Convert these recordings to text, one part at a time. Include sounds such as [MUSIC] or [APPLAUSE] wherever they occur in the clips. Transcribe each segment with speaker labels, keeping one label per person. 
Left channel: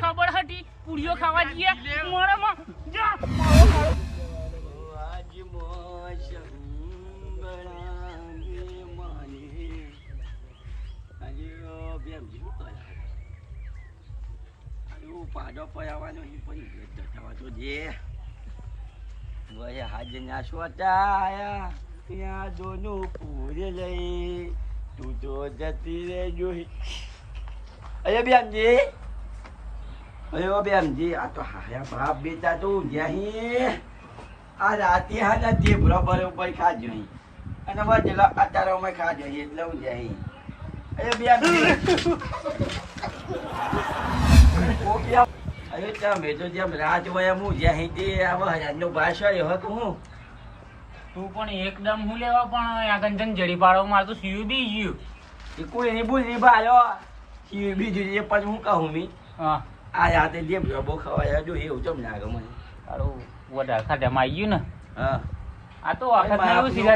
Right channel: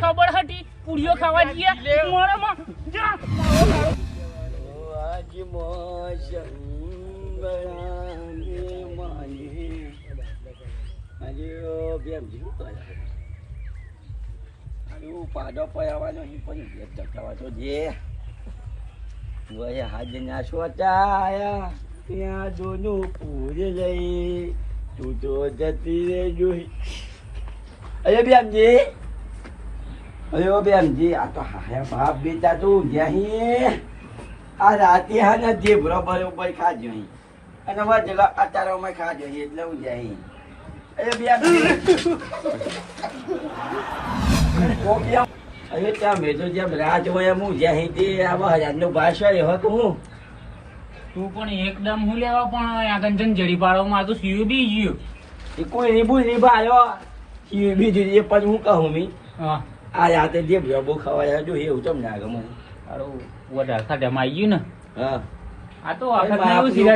Speaker 1: ખબર હતી? પૂરીઓ ખાવા જઈએ.
Speaker 2: પાડો પયાવાનો નહીં પણ તો જે વય હાજર ના સોટા આયા ત્યાં દોનું પૂરે લઈ. તું તો જતી રે અરે બેમજી અરે બેમજી આ તો હાયા બાપ બેટા તું જ્યાં આ રાતે હા ને જે બરોબર ઉપર ખાજો અહીં અને વચેલો અતારોમાં ખાજો અહીં એટલે હું. જાય અરે બે [LAUGHS] અરે ત્યાં તો જેમ હોય એમ હું જ્યાં હિતે આવા હજારનું ભાષા એવા હોય હું.
Speaker 1: તું પણ એકદમ હું લેવા પણ આગળ જન જડી પાડો મારે તો સીયુ બી ગયું.
Speaker 2: એ કોઈ રીબુ રીબાયો સીયુ બી જોઈએ પણ હું કહું મી.
Speaker 1: હા.
Speaker 2: આ રાતે જે ભેબો ખવાય જો એવું તમને ના ગમે.
Speaker 1: તારો વધારે સાથે આવી ગયું ને.
Speaker 2: હા.
Speaker 1: આ તો આખા.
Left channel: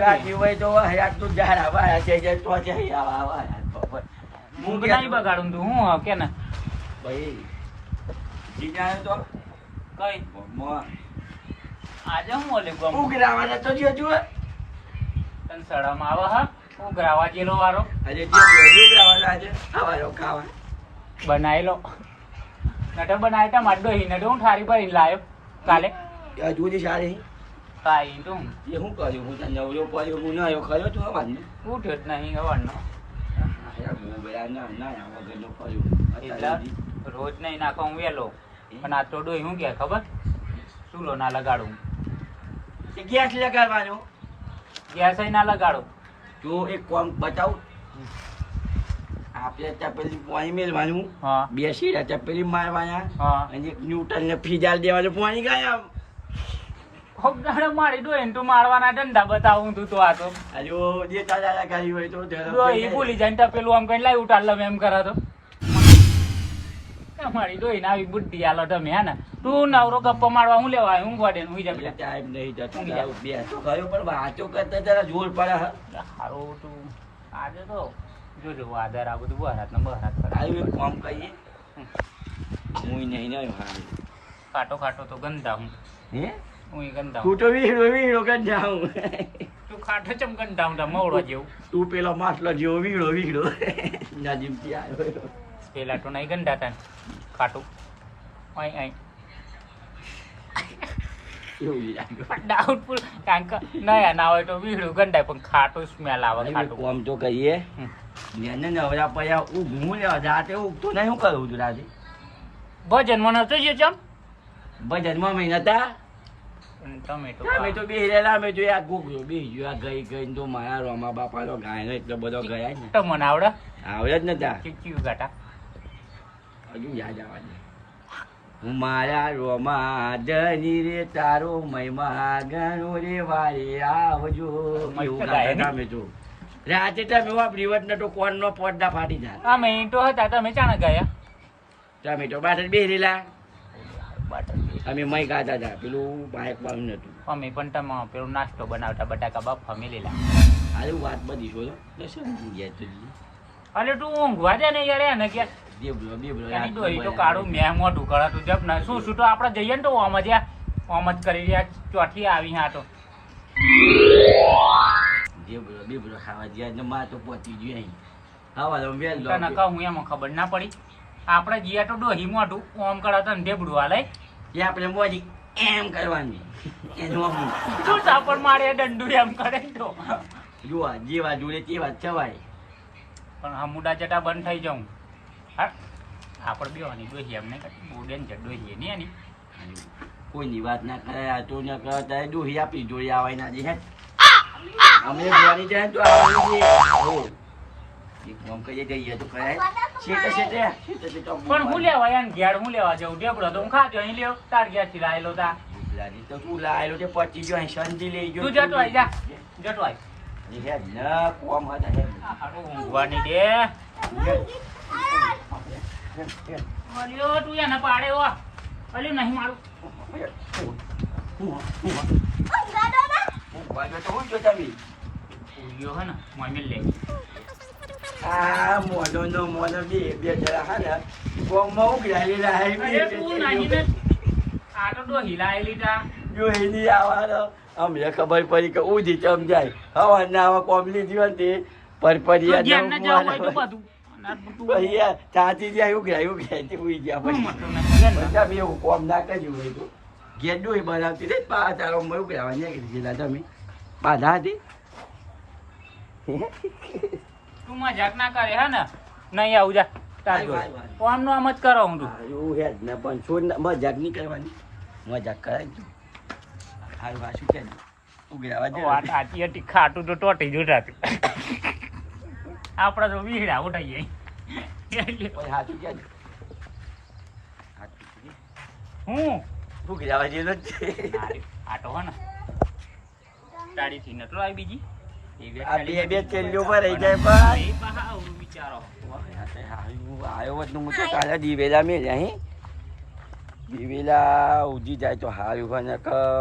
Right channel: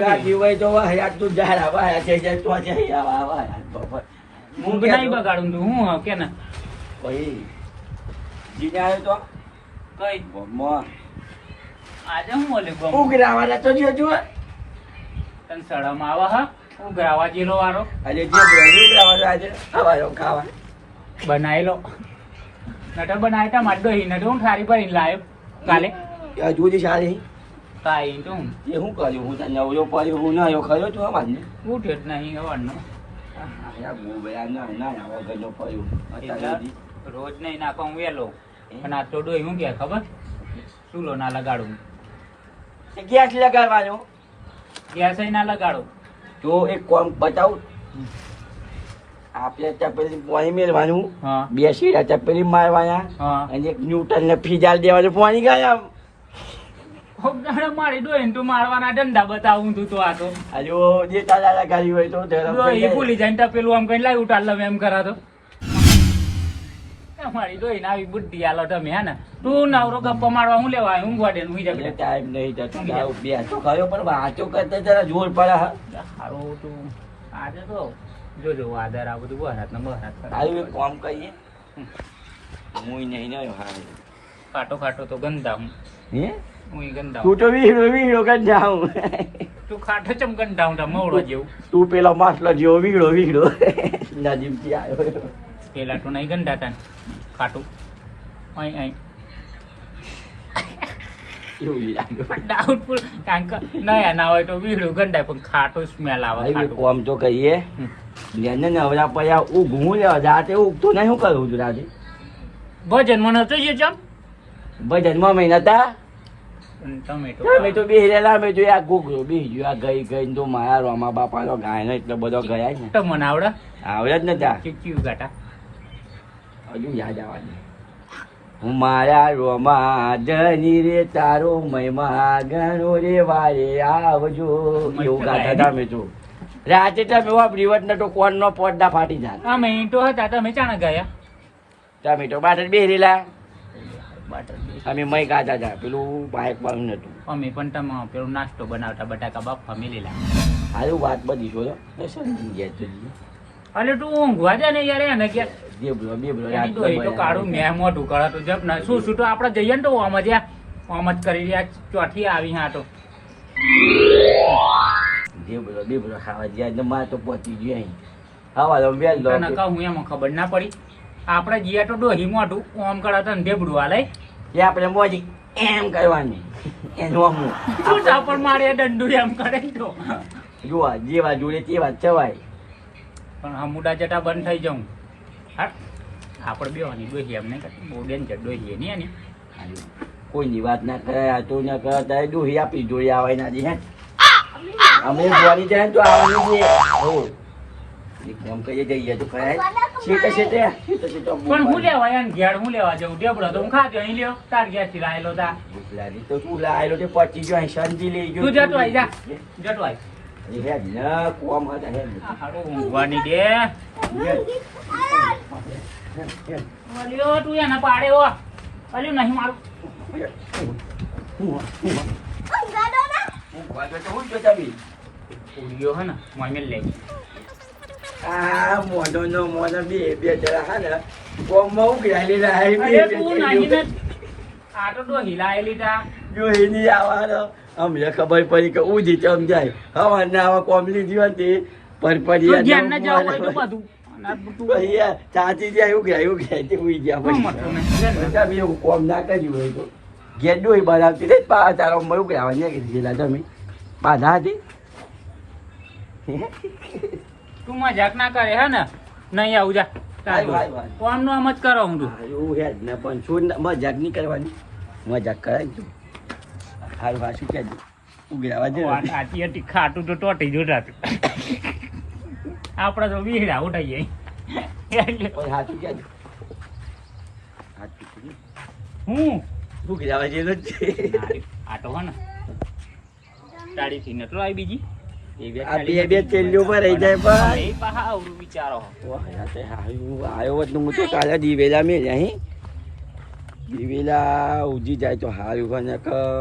Speaker 2: કાઢી હોય તો હજાર તું જાહેર આવા છે છે તો જાય આવા આવા
Speaker 1: હું બનાવી બગાડું તું હું કે ને?
Speaker 2: ભાઈ જીને આવ્યો તો
Speaker 1: કઈ
Speaker 2: મોં
Speaker 1: આજે હું ઓલે ગમ
Speaker 2: ઉઘરાવાના તો જો જો
Speaker 1: તન સડામાં આવા હા હું ગ્રાવા જીરો વાળો
Speaker 2: અરે જે બ્રજ ઉઘરાવાનો આજે આવા ખાવા
Speaker 1: બનાવી લો નટ બનાવી તા માર હિને તો હું ઠારી પર લાયો કાલે
Speaker 2: હજુ જ સારી
Speaker 1: કાઈ તો
Speaker 2: એ હું કર્યું હું તને નવરો પાયો હું ના આવ્યો ખરો છો ને
Speaker 1: ઉઠ્યો જ નહીં હવાનો રોજ નહીં નાખો હું વેલો પણ આ તો ડોહી હું કે ખબર ચૂલો ના લગાડું.
Speaker 2: ગેસ લગાડવાનો
Speaker 1: ગેસ ના લગાડો.
Speaker 2: તો એક કોમ બતાવું. આપણે ચપેલી પાણી મેળવાનું.
Speaker 1: હા.
Speaker 2: રહ્યા ત્યાં ચપેલી મારવાના
Speaker 1: હા.
Speaker 2: અને એક ન્યૂટન ને ફીજાલ દેવાનું પાણી ગયા
Speaker 1: હોગાડો મારી ડોહીને તું મારવાના ડંડા બતાવું તું તો આ તો.
Speaker 2: હજુ જે તારા લગાડી હોય તો.
Speaker 1: ભૂલી જાય ને પેલું આમ કઈ લાવી ઉતાર લઉં એમ કરા તો તમારી ડોહી આવી બુદ્ધિ આલો તમે હે ને? તું નવરો ગપ્પો મારવા હું લેવા હું ગોડેલ હું
Speaker 2: એટલે ટાઈમ નહીં જતો. બે તો કયો પણ વાતો કરતા જરા જોર પડે
Speaker 1: હારો તું આજે તો જોજો આધાર આ બધું બહારત ને બહારત
Speaker 2: આવી કામ કહીએ હું નહીં નહીં
Speaker 1: ખાટો ખાટો તો ગંદા હું.
Speaker 2: હે?
Speaker 1: હું ગંદા
Speaker 2: તું તો વીડો કર જાઉં
Speaker 1: તું ખાટો ચમ ગંદા હું મોડો જેવું.
Speaker 2: તું પેલા માસલો જેવો વીડો વીડો આવ્યો?
Speaker 1: પેલા તો નહીં ગંદા તન ખાટું અહીં અહીં ડાઉટફુલ કારણ કે નયા ના હોય તો વીડું ગંદાય પણ ખાટું સ્મેલ આવે ખાટું
Speaker 2: તો કહીએ જેને નવરા પડ્યા ઊંઘું રાતે ઊંઘતું નહીં શું કરું છું રાતે
Speaker 1: ભજન મને છે ચમ
Speaker 2: ભજનમાં મહિના તા
Speaker 1: તમે તો
Speaker 2: બેહરેલા તો આ ગુગરો બેહી ગયો આ ગઈ ગઈ તો મારા રોમા બાપાનો ગાય એટલો બધો ગયા છે
Speaker 1: તો મને આવડે
Speaker 2: આવડે જ નતા
Speaker 1: ચીક્યું ગાટા
Speaker 2: હજુ યાદ આવવાની. હું મારા રોમા જની રે તારો મહિમા ગણો રે વારે આવજો. એવું ગાતા અમે તો રાતે તમે વાપરી વટ તો કોણ નો ફાટી જાય
Speaker 1: આ તો હતા તમે ચાણા ગયા?
Speaker 2: તમે તો બાટ જ બેહરેલા. અમે મય ગાતા હતા. પેલું બાઇક બંધ નતું
Speaker 1: અમે પણ તમે પેલું નાસ્તો બનાવતા બટાકા બાફા મેલેલા.
Speaker 2: હારું વાત બધી છો ગયા તો
Speaker 1: તું ઊંઘવા દે ને યાર એને કે
Speaker 2: બેબલો બેબલો
Speaker 1: તો કાળું મેં મોઢું કરે તો જપ ના. શું શું આપણે જઈએ ને તો ઓમ જ ઓમ જ કરી રહ્યા ચોથી આવી હા તો.
Speaker 2: બેબલો બેબલો ખાવા ગયા ને માર તો પહોંચી ગયો અહીં. તો વેલ
Speaker 1: એમાં ખબર ના પડી. આપણે જઈએ તો ડોહી મોઢું ઓમ કરે તો ઢેબડું હાલે.
Speaker 2: એ આપણે મોજી એમ કરવાની. એનું અમુક
Speaker 1: તું ચાપડ મારે દંડુ એમ કરે તો.
Speaker 2: જોવા જેવા જોડે તેવા ચવાય
Speaker 1: પણ આ મુડા જટા બંધ થઈ જાઉં. હા. આપણે બેવાની ડોહી એમ નહીં કરતી. બહુ ડેન્જર ડોહી એની.
Speaker 2: કોઈની વાત ના કરે આ તો ના કરે તારે દોહી આપી જોડે આવે ના જી હે? અમે જોવાની જાય તો આવવાની છે એક કામ કરીએ જઈએ તો ખરા શેટે શેટે શેટે શેટે
Speaker 1: પણ હું લેવા ઘેર હું લેવા જાઉં? ઢેબડો તો હું ખાજો અહીં લ્યો. તાર ઘેરથી લાયેલો તા.
Speaker 2: તો તું લાયેલો તે પચી ગયો અહીં શાંતિ લઈ
Speaker 1: તું જતો જા. જતો આઈ
Speaker 2: હેડ ના કોમ હતા હેડ
Speaker 1: હારું ઊંઘવાની દે અલ્યો તું એને પાડે હો. અલ્યો નહીં મારું.
Speaker 2: હું હું હું વાગે તો હું જોતા બી
Speaker 1: પૂરીઓ હે ને મને લઈ.
Speaker 2: આ મોનો નો મોનો બે બે જરા હા ને ગોમમાં ઉઘરાયેલી રહે
Speaker 1: તું નહીં ને. આ તો તો હિલાયેલી તા
Speaker 2: જો એની આવવાનો અમને ખબર પડી કે ઉધી ચમ જાય. હવા ના આવા કોમલી જીવનથી પર
Speaker 1: તો ધ્યાન ના જવું હોય તો બધું.
Speaker 2: ચાચી જાય એવું ગયા એવું ગયા ઉઈ ગયા પછી. એવું કોમ ના કર્યું હોય તો. બનાવતી રહી પા તારો મયું ગયા ને કીધી ગયેલા તમે બાધા હતી.
Speaker 1: તું મજાક ના કરે હે ને? નહીં આવું જા. કોણ નો આમ જ કરો હું તું.
Speaker 2: એવું હે ને પણ શું મજાક નહીં કરવાની. મજાક કરાય તું. હારું હા શું કહેજો? ઉઘરાવા દે
Speaker 1: વાત ખાટું તો ટોટી જોઈ જાતું આપડે તો વીહડા ઉઠાઈ જાય હું?
Speaker 2: ઉઘરાવા જેલો જ. છે
Speaker 1: નારી, હે ને. તાળી થી નટલો આવી બીજી. વિચારો.
Speaker 2: આવ્યો હોત ને હું તો કાલે દિવેલા મેં અહીં દિવેલા ઉજી જાય તો હારું બને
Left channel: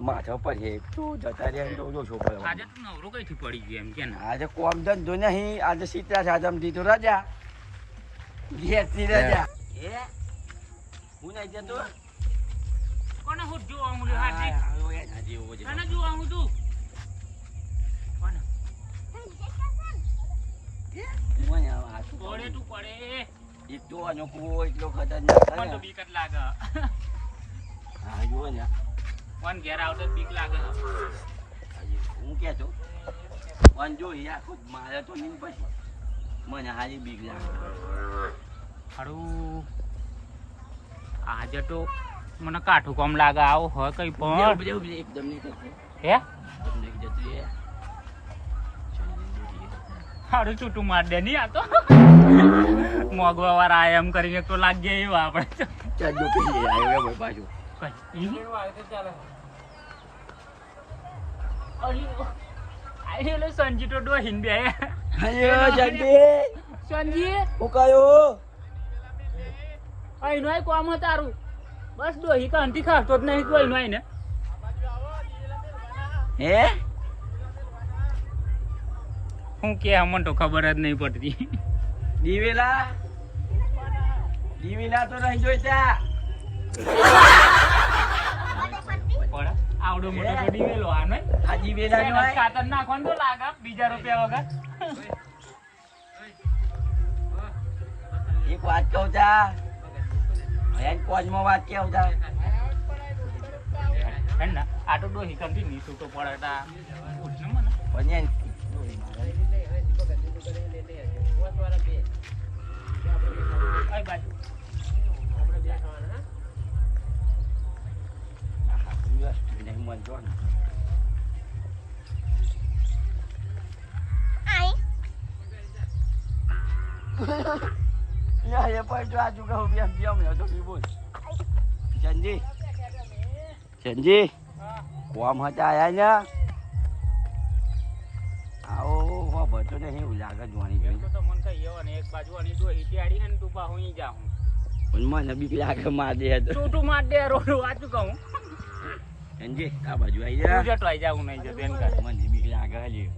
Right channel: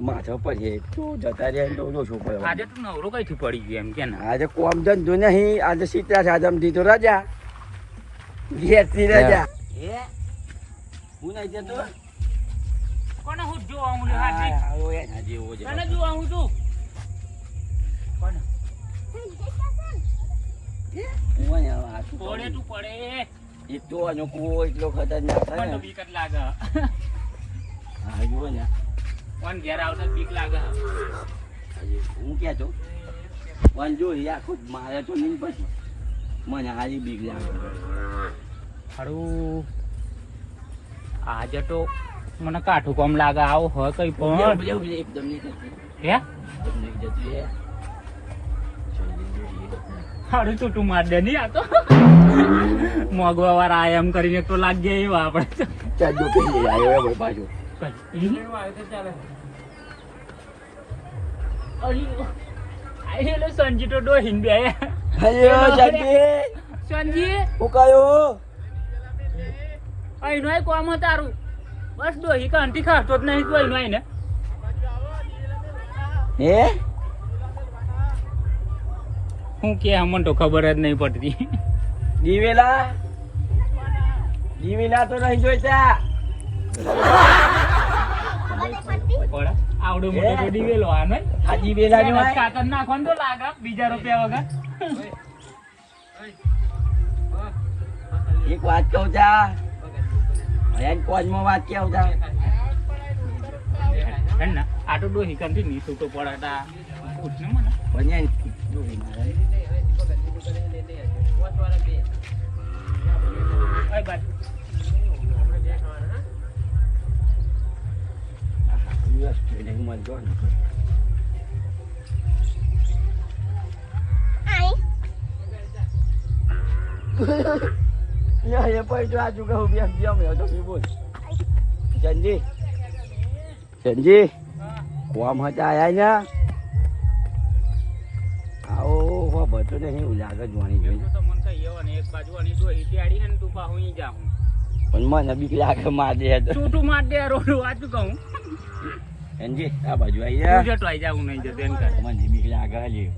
Speaker 2: માથો છે તો જતા રહ્યા તો ઓછો પડે
Speaker 1: આજે તું નવરો કઈથી પડી ગયો એમ કે
Speaker 2: આજે કોમ ધંધો નહીં આજે સીતા સાધમથી તો રજા. રજા. એ હું નહીં જતો?
Speaker 1: કોને હું જોવા હું હાજી
Speaker 2: હારો એના જેવો જ
Speaker 1: કોને જોવા હું? તું કોને પડે
Speaker 2: પડે. અનોખો એટલો ખતરનાક
Speaker 1: લાગે.
Speaker 2: હા જુઓ ને
Speaker 1: કોણ ઘેર આવતા બીક લાગે
Speaker 2: હું. કહેતો પણ જો એ આખું મારે તો નહીં પછી. મને હારી બીક લાગે.
Speaker 1: હારું આજે તો મને કાઠું કોમ લાગે આવો હોય કઈ પણ.
Speaker 2: ઉભરે, ઉભરે, એકદમ નહીં
Speaker 1: હે?
Speaker 2: એકદમ નહીં જતી રહે. જલ્દી જોઈએ.
Speaker 1: હારું છૂટું માર દે નહીં આ તો. મોગવા વાળા એમ કરીને તો લાગ્યા એવા આપણે.
Speaker 2: ચાલ આવ્યો ભાઈ.
Speaker 1: સંજી તો ડોહીન બે
Speaker 2: અયો,
Speaker 1: સંજી
Speaker 2: હું કયો?
Speaker 1: અહીંનો કોમ તારું બસ ડોહી કાંટી ખાતો જ નહીં તો અહીં ને
Speaker 2: હે
Speaker 1: હું કે અમને તો ખબર જ નહીં પડતી
Speaker 2: દીવેલા દીવેલા તો નહીં જોઈતા
Speaker 1: આવડું મોટું તો દિવેલો આ નહીં
Speaker 2: આ દિવેલા નો
Speaker 1: ખાતર નાખવાનું તો લાગે બીજા રૂપિયા વગર.
Speaker 2: એક વાત કહું તા ભયાન કોજમાં વાત
Speaker 1: કે આવતા આ તો ડોહી કંટી ની તો પડાતા પૂછ ને મને.
Speaker 2: પણ ડોહી મારે.
Speaker 1: બાજુ.
Speaker 2: નહીં મળતો ને. યા, એ પણ જો આજુ કહું બેમ બેમ હેડો બી બોલ. સંજી સંજી કોમ હતા આયા ને આવો હો બધો નહીં એવું લાગે જોવાની જોઈને
Speaker 1: તો મને કઈ એવો ને એક બાજુ અને ડોહી ટેડી હે ને તું પા હું જાઉં
Speaker 2: પણ મને બીક લાગે માર દે તું
Speaker 1: તું
Speaker 2: સંજી આ બાજુ
Speaker 1: તું
Speaker 2: આયા
Speaker 1: જતો આઈ જાઉં નહીં જતો એમ કર
Speaker 2: મને બીક લાગે હજી.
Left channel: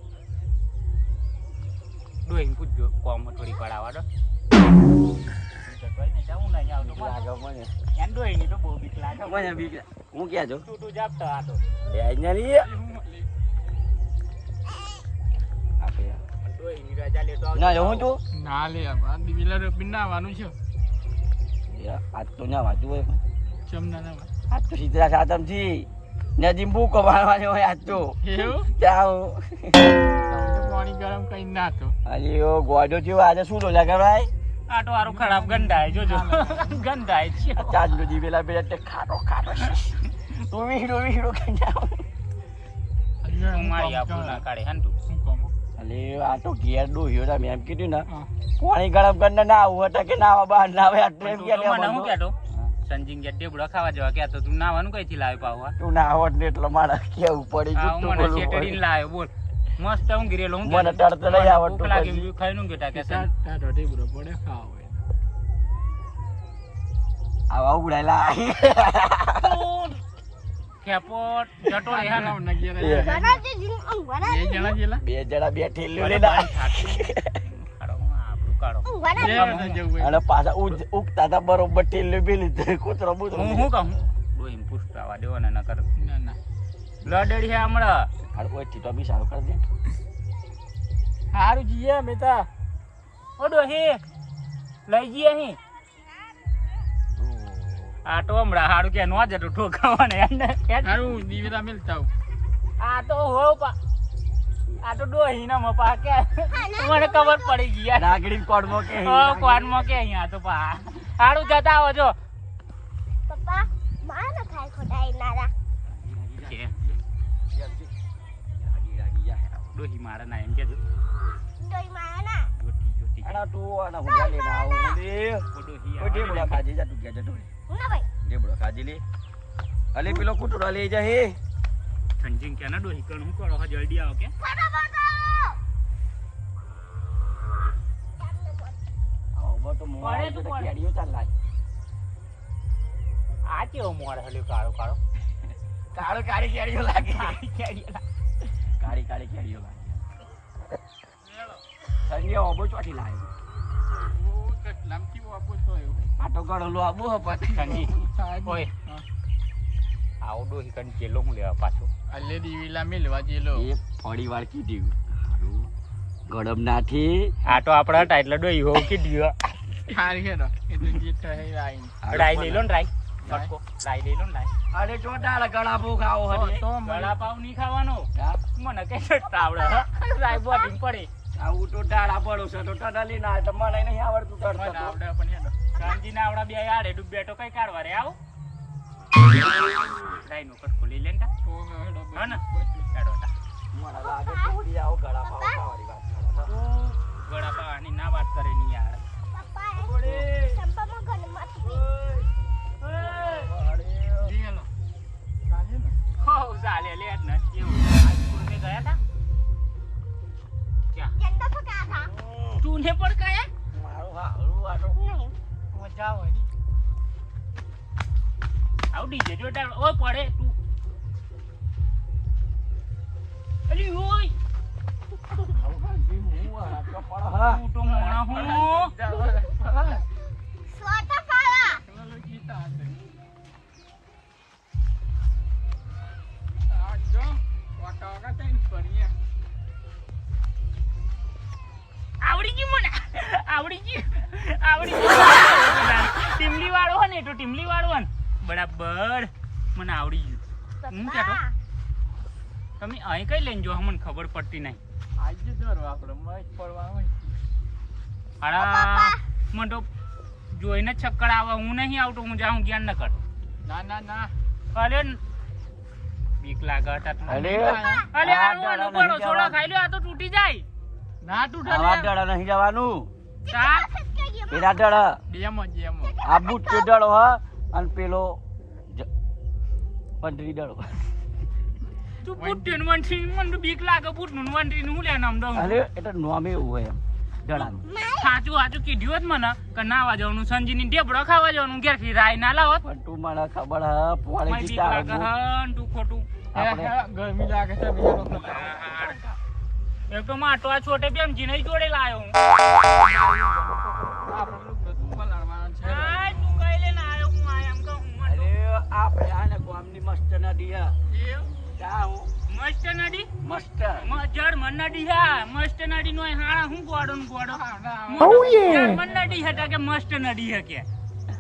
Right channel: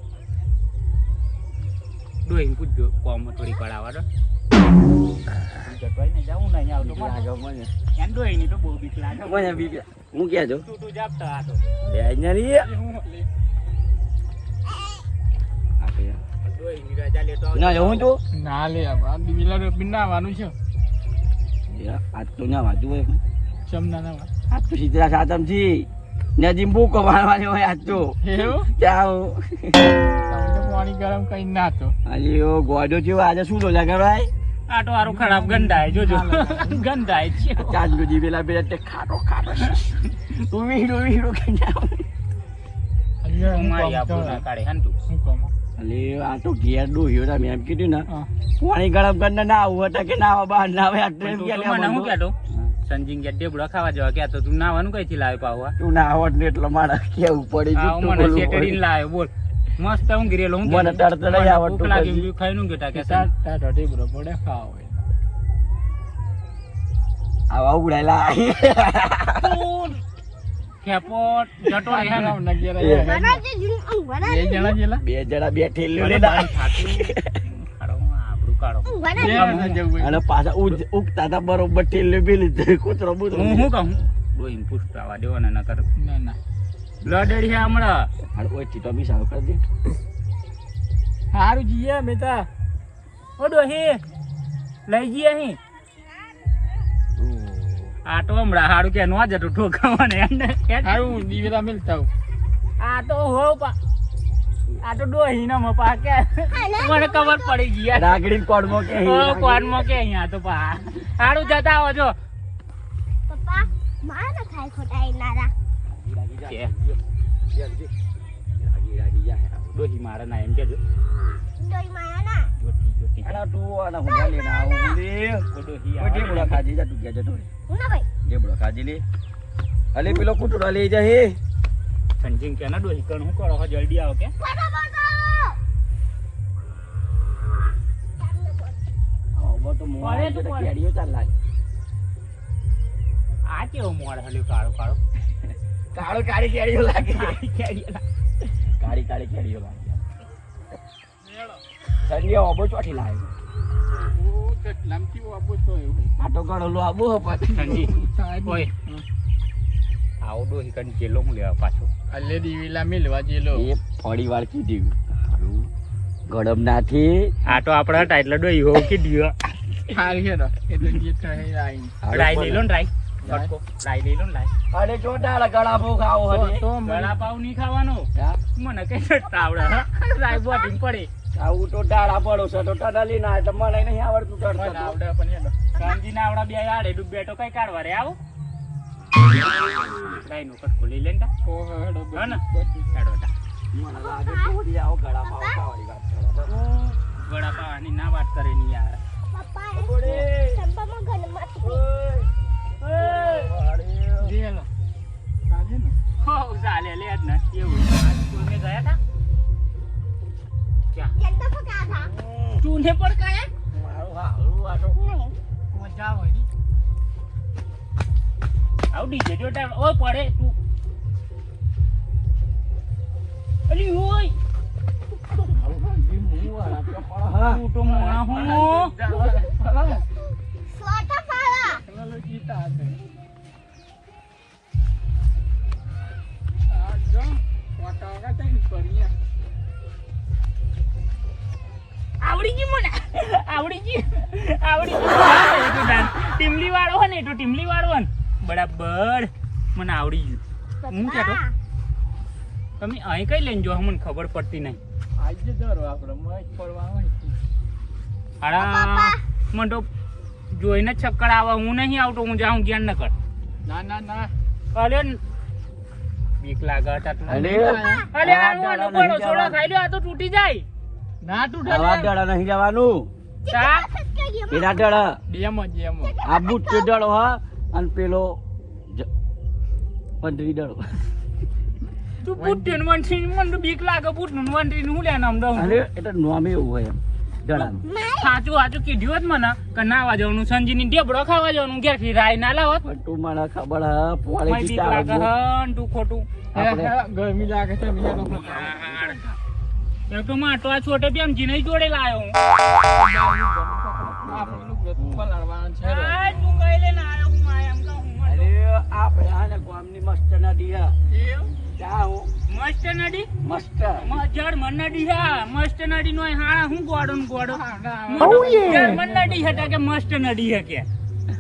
Speaker 1: ડોહી પૂછજો કોમ થોડી પડાવા દો. જતો જાઉં નહીં આવતો
Speaker 2: મને.
Speaker 1: એમ ડોહી તો બહુ બીક લાગે.
Speaker 2: મને બીક લાગે હું કહેતો
Speaker 1: તું તું જાપતો આ તો.
Speaker 2: એ અહીંયા નહીં
Speaker 1: હું લે.
Speaker 2: આપણે
Speaker 1: ડોહી ની.
Speaker 2: ના તો?
Speaker 1: ના લે આ બિનાવાનું છે.
Speaker 2: આજ તો ના વાંચું હોય.
Speaker 1: ચમના ના
Speaker 2: તો સીધા સાતમથી નદી બુક મારવાની હોય આજ તો.
Speaker 1: એવું? પાણી ગરમ કઈ ના તો
Speaker 2: અલી ઓ ગોડો થયો. આજે શું તો લગાવાય
Speaker 1: આ તો હારું ખરાબ ગંધાય જોજો. ગંધાય છે.
Speaker 2: ચાલ ગોજી પેલા પેલા તે ખાટો ખાટો. તું વીડો વીડો કે જાવ
Speaker 1: મારી આબરૂ ના કાઢે હે ને તું?
Speaker 2: અલે આ તો ઘેર ડોહ્યો તા મેં એમ કીધું ને. પાણી ગરમ કરીને ના આવું હતા કે ના આવા બહાર ના આવે
Speaker 1: મને હું કહેતો? સંજીન કે ડેબડો ખાવા જવા કહેતો તું નાવાનું કઈથી લાવે પાવા
Speaker 2: તું ના આવડ ને એટલે મારા કેવું પડી? જતું
Speaker 1: મને
Speaker 2: સેટડી
Speaker 1: શેટડીને લાવે બોલ. મસ્ત હું ગિરેલો હું
Speaker 2: મને તરત નહીં આવડતું
Speaker 1: લાગી ખાઈ નું ગેટા કે તાતો ડેબડો પડે ખાવ
Speaker 2: આવા ઉડાયેલા
Speaker 1: ખેપો જતો રહે ને.
Speaker 3: લાવ નગી રે.
Speaker 2: એ.
Speaker 3: બે જણા જેલા
Speaker 2: જણા અને પાછા ઉગતા હતા બરોબર ઠેલ્યું પેલું કૂતરો બૂતરો.
Speaker 1: હું શું કહું? ડોહીને પૂછતાવા દેવો ને નકર
Speaker 3: ના ના.
Speaker 1: બ્લડ છે હમણાં.
Speaker 2: હાલ ઓયથી તો બી સારું કરી દે.
Speaker 3: હારું જીએ અમે
Speaker 1: ઓ ડોહી લઈ જઈએ અહીં. આ તો હમણાં સારું કે નો જતું ઠોકાવાને એને સારું
Speaker 3: હારું મિલતા
Speaker 1: આ તો હો પા આ તો ડોહી ના મપા કે. મને ખબર પડી ગઈ.
Speaker 2: રાગડી કોડ કોડમાં કે
Speaker 1: હો મો કે અહીંયા તો પા. હારું જતા આવો જો. છે. ડોહી મારે ના એમ કેજો. જોતી જોટી
Speaker 2: આના તું આના હુંડા લઈને આવું લે
Speaker 1: ડોહી આ
Speaker 2: ઢેબડો ખાજી જા તું ગયા જતો રે ઢેબડો ખાજી લે. અલે પેલો કૂતરો લઈ જા હે.
Speaker 1: સંજીન કે ના ડોહી કણ હું કરો? હો જલ્દી આવો કે.
Speaker 2: આવો તો મોં
Speaker 1: પડે તો
Speaker 2: તો
Speaker 1: પડે.
Speaker 2: ચાલ લાગે
Speaker 1: આ કેવો મોડ હલ્યો કાળો કાળો. [LAUGHS]
Speaker 2: કાળો કાળી કેડીઓ લાગે. કાળી કાળી કેડીઓ લાગે. સંજય ઓબો
Speaker 3: તો એવું.
Speaker 2: આ તો ઘણો લો આબો હો પાછું.
Speaker 1: સંજી [LAUGHS] ઓય. આવો હિકન હું લેવા પાછો.
Speaker 3: અલે દીવેલા મિલવા જેલો
Speaker 2: એ ફળી વાર કીધું. હારું. ગડમ નાથી
Speaker 1: આ તો આપડા હતા એટલે ડોહી હો કે દિયો
Speaker 3: હારી હેડો એ તો જે થાય લાઈન
Speaker 1: લાઈન લઈ લો ને રાઈ કટકો લઈ લો ને રાઈ
Speaker 2: અરે જો ડાળ ગળા ભૂ ખાવો
Speaker 3: તો તો
Speaker 1: ગળા પાવ નહીં ખાવાનો. મને કઈ આવડે હા? રાઈ બોટીને પડે.
Speaker 2: આવું તો ડાળા પડો છે તો ટનાલી ના એટલે મને નહીં આવડતું
Speaker 3: આવડે પણ હેડો.
Speaker 1: ના આવડા બે આડે ડૂબ બેઠો કઈ કાઢવા રે આવો. રાઈ નો કટકો લઈ લે ને તો
Speaker 3: હેડો
Speaker 1: હા ને? હેડો તા.
Speaker 2: મને લાગે થોડી આવો ગળા ખાવાની વાત કરે છે.
Speaker 1: ગળા પાવાની ના વાત કરે ની યાર ઓય પડે તું. અલી ઓય. તું તો મોણા હું
Speaker 3: ટેકનોલોજી તો આ આ જો, ફોટો વગર તઈ કરીએ.
Speaker 1: આવડી ગયું મને. આવડી ગયું. આવડી ગયું. ટીમલી વાળો હોય ને એ ટીમલી વાળો ને. બરાબર. મને આવડી ગયું. હું કહેતો તમે અહીં કઈ લઈને જો મને ખબર પડતી નહીં.
Speaker 3: આજે દર આપણે મજ પડવા.
Speaker 1: અરા મને તો જોઈને ચક્કર આવે હું નહીં આવતો હું જાઉં જ્ઞાન ન કર
Speaker 3: ના ના ના.
Speaker 1: અરે બીક લાગે હતા તું
Speaker 2: અરે
Speaker 1: અરે આનું આનું પડો સોડા ખાઈ લ્યો આ તો તૂટી જાય.
Speaker 3: ના તૂટે આ
Speaker 2: ડડા નહીં જવાનું.
Speaker 1: તા
Speaker 2: પેલા ડાળા
Speaker 3: ડેમ જ એમ.
Speaker 2: આ બુટ ડાળો હા. અને પેલો પંડરી ડાળો
Speaker 1: તું બુટ્ટી ને વંટરી મને બીક લાગે બુટનું વંઠી હું લે નામ દઉં?
Speaker 2: અરે એટલે તો એવું હોય એમ
Speaker 1: સાચું સાચું કીધું હોત મને કે નાવા જવાનું સંજીની ઢેબડો ખાવા જવાનું ઘેરથી રાય ના લાવત.
Speaker 2: તું મને ખબર હા પોળે
Speaker 1: બીક લાગે હન તું ખોટું.
Speaker 3: હે, હે, ગરમી લાગે છે મિલા
Speaker 1: નો એ તો માટો આ છોટે બેમજી જીને જોડે લાયો હું.
Speaker 2: મસ્ત નદી હા.
Speaker 3: એવું?
Speaker 2: ત્યાં હું.
Speaker 1: મસ્ત નડી
Speaker 2: મસ્ત.
Speaker 1: જર્મન નદી હા. મસ્ત નડી નો હાણા હું ગોડો ને ગોડો નદી હતા કે મસ્ત નડી હે કે.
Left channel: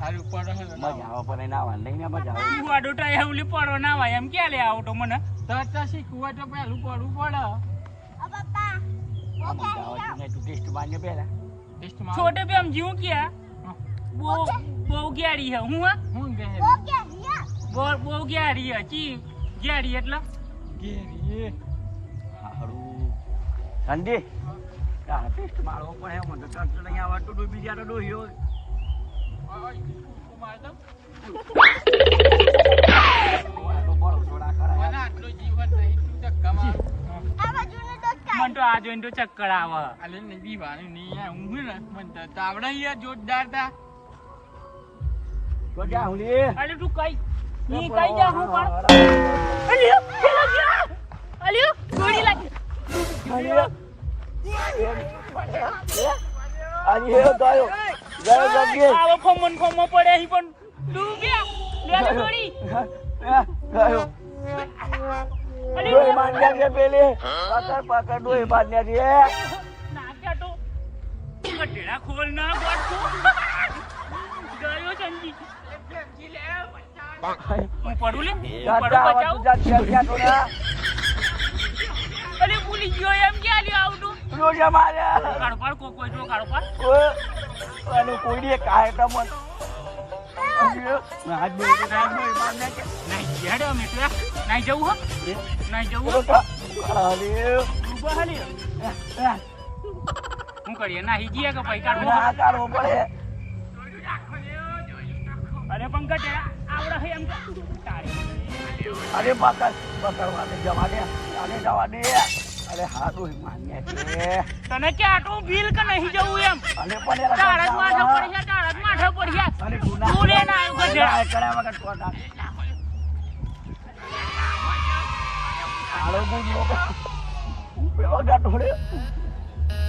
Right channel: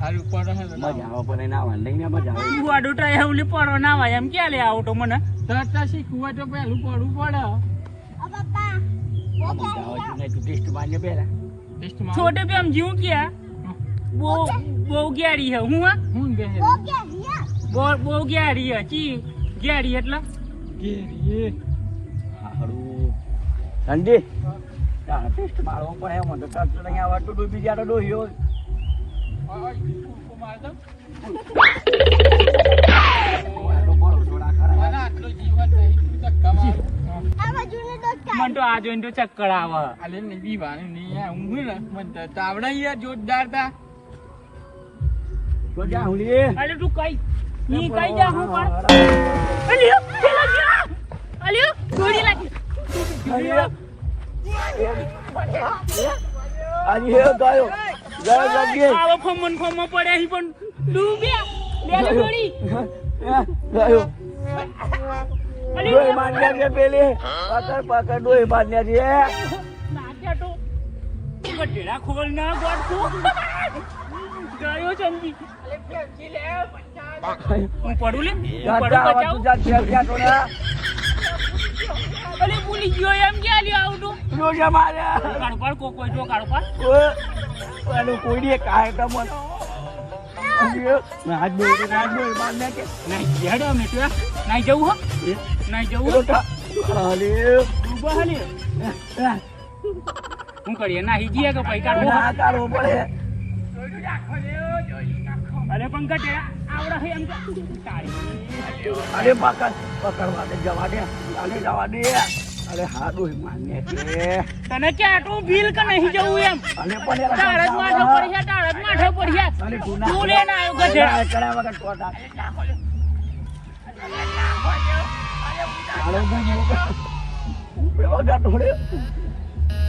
Speaker 3: હારું પડે છે
Speaker 2: મજા આવે પણ એના વાંધે નહીં મજા આવે.
Speaker 1: તું તો એવલી પડો ના હોય એમ ક્યાં લે આવો મને?
Speaker 3: તરતા શીખવું તો પહેલું પડું. પડે
Speaker 2: મજા આવે છે નહીં તું ટેસ્ટ માંગ્યો પહેલા.
Speaker 3: ટેસ્ટમાં
Speaker 1: છોટે પેમ જીવું ક્યાં? બહુ બહુ ગેરી હે હું હું? બહુ બહુ ગેરી હે ગેરી એટલે?
Speaker 2: ઠંડી ટેસ્ટ મારવો પડે એમ તો નહીં ડૂબી જાય ડોહ્યો સોડા
Speaker 3: મને નહીં તું
Speaker 1: આ જોઈને તો ચક્કર આવે.
Speaker 3: આલે ને દીવાનું નહીં ઊંઘ ને મન તો તાવડા યાર જોરદાર તા.
Speaker 2: તો હુલી
Speaker 1: અરે તું કઈ ની કઈ જા હું પણ અલ્યો અલ્યો ગોળી લાગી.
Speaker 2: આજે એ ગયો. ગયો જગ્યાએ.
Speaker 1: આવો ખમણ ખમણ પડે અહીં પણ. ડૂબ્યા લે લે ગોળી
Speaker 2: ગયો. ડોઈ માન્યા છે પેલી. પકડ પકડ ડોઈ માન્યા છે.
Speaker 1: નાખ્યા તો ખોલ ના ગોઠવું ગયો સંજી હું પડું લે? હું પડું બચાવ? અલે ભૂલી ગયો એમ ક્યાં લે આવતું?
Speaker 2: જોજે મારે.
Speaker 1: કાળો પાડ કો કોઈ તો કાળો
Speaker 2: પર અને કોઈએ કાંઈ તો મન. આજે હાથ બોઈ હાથ બોઈ
Speaker 1: નહીં હેડ અમે તો નહીં જવું હો. નહીં જવું હો.
Speaker 2: ખાલી
Speaker 1: ડૂબા હાલે. હું. કરીએ? ના હીજીએ કે પૈ કાઢવો
Speaker 2: ના કાઢવો પડે.
Speaker 1: અરે પંકજ આવડે હે એમ
Speaker 2: અરે પકડ પકડવા દે જવા દે ચાલે જવા દે. અરે હા ડોઈ માન્યા
Speaker 1: તને કે આટલું બિલ કે નહીં જવું એમ?
Speaker 2: અને પણ
Speaker 1: તાળજ માથે પડ્યા તાળજ માથે પડ્યા
Speaker 2: અને
Speaker 1: તું લે ના આવ્યો ગધેડા
Speaker 2: કડા વગર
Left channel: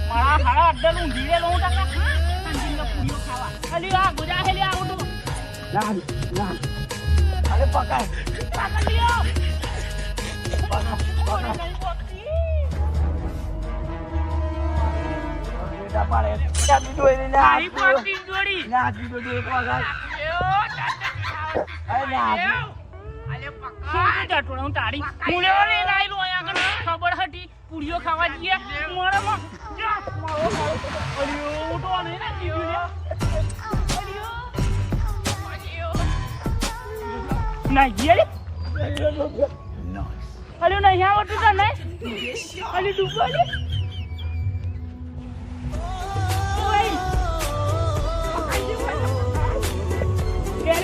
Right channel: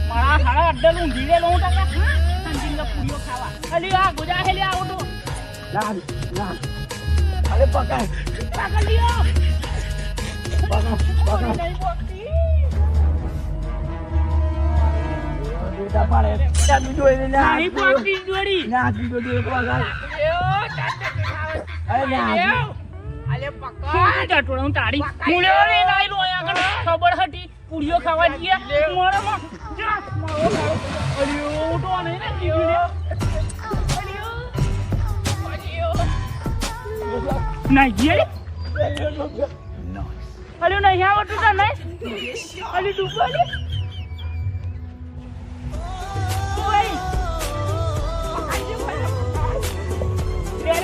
Speaker 1: મારા હાડા અડ્ડલ પૂરીઓ ખાવા. અલી આ ગુજા હેલી આવું
Speaker 2: ના ના અરે પકડ
Speaker 1: પાકલ લ્યો
Speaker 2: પકડ પકડ
Speaker 1: નહીં બોલતી
Speaker 2: બેટા પાડે ત્યાંથી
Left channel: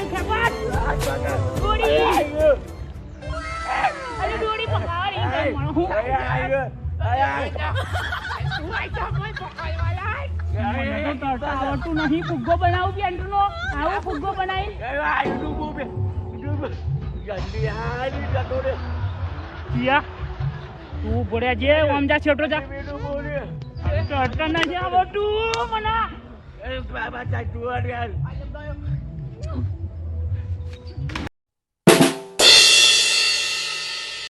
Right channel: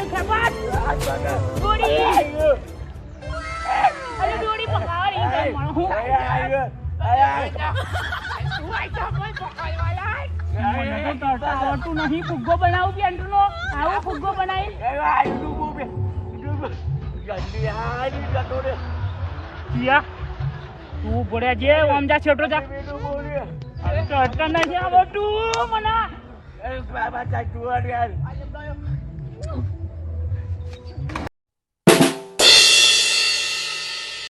Speaker 1: ખેપાટ ગોળી અરે દોડી પકાવી ગઈ મારો હું મને તો તરતા આવડતું નહીં. ફુગ્ગો બનાવું કે પેન્ટનો આવો ફુગ્ગો બનાવી કિયા તું ભોળ્યા જે આમ જા છેટો જા. તરતા નથી આવડતું મને.